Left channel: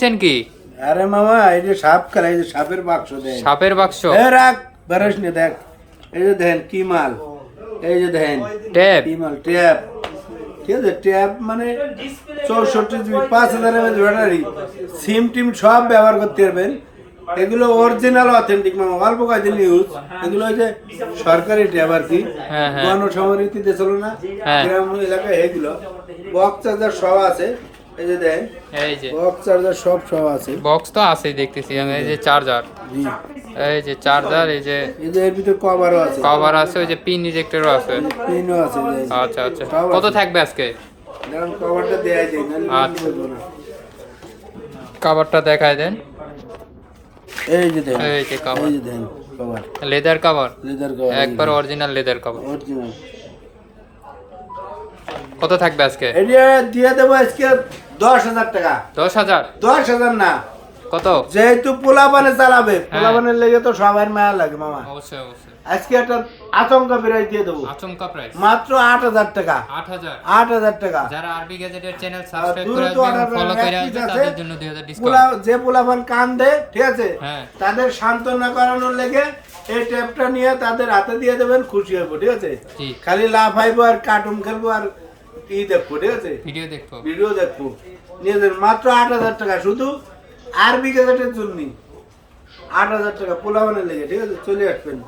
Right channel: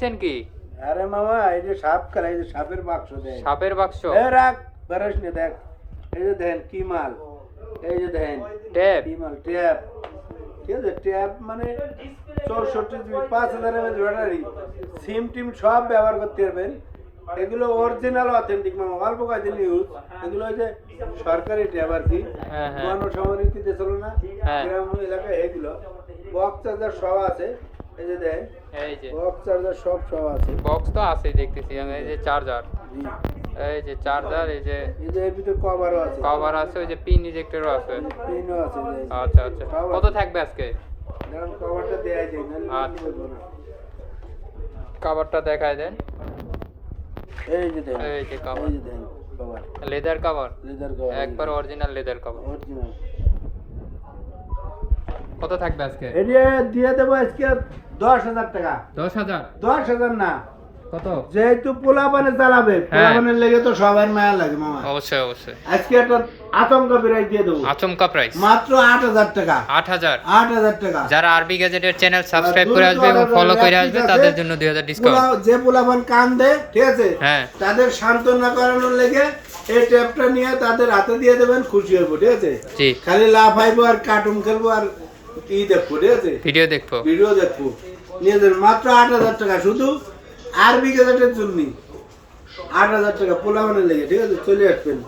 কি? আরে মামা এই যে সাপ খেলা, এই যে সাপের বাক্স দেন, সাপের বাক্স, রাখ বেরোস নি, দেখ এই যে দেখেন কি মাল, এই যে দেখেন ট্যাব, কি মাল, ট্যাব, ঠিক আছে, ট্যাব মানে 64 জিবি 5000 এমএএইচ ব্যাটারি, সিম টিম সব ব্যবহার করতে পারবেন। এগুলো অরিজিনাল অথেন্টিক মামা, অল্প কয়েকদিন ইউজ। এগুলো ওই যে সরকারি ট্যাব আর কি, হ্যাঁ, হ্যাঁ। গণসমৃদ্ধিতে চলো না, হ্যাঁ। গ্রাম এলাকায় এগুলো বক্স চার্জার সব আছে। এই যে দেখেন এই যে বক্স চার্জার সব আছে। বক্স তো আছে দেখতেছি আমি, এই যে চার্জার, জি, এই যে চার্জার, এই যে এই যে এর ভিতরে কভারও আছে, কভার আছে, ওই যে পিন ইজেক্টরও আছে। পিনও আছে। আচ্ছা আচ্ছা, কত থাকবে আজকে? কারণ কভারটা দেয়াই যায় না, আচ্ছা। কভারটা দেখায় দেন। এই যে দেখেন, এই যে কভার, এই যে দেখেন cover, leather cover, leather cover, একবার অরিজিনাল লেদার কভার। অরিজিনাল। কত থাকবে আজকে? এটা দিয়ে দেবো আজকে 10,000 টাকা। 10,000? 10,000 না, কত? যেহেতু পোলাপানে চালাবে, হ্যাঁ। পোলাপানের লেগে তো সবার মায়া লাগে মামা। অবশ্যই অবশ্যই। আজকে একটা আচমকা প্রাইস দিয়ে দেবো, আচমকা প্রাইস মাত্র 8,000 টাকা। 8,000। 8,000 টাকা। যারা আরবি গ্যাজেটের চ্যানেল সাবস্ক্রাইব করে আসবে এবং ফলো করে আসবে তাদের জন্য 2,000 ডিসকাউন্ট। যে পোলাপান কান্দে, ঠিক আছে, হ্যাঁ। তাদের সান্ত্বনা করানোর লেগে এই ট্যাপটা নিয়ে তাদের হাতে দিয়ে দেবেন, খুশি হবো, ঠিক আছে। জি, খালি লাভ হাইবো আর কার্টুন খেলবো আর ই দেখবো, ঠিক আছে, ভিডিও দেখবো। ভিডিও দেখবো। নিয়ে দেন মাত্র 8,000 টাকা, শুধু আরবি গ্যাজেটের জন্য 8,000 টাকা পোলাপানের লেগে, ঠিক আছে, চলে আসবেন।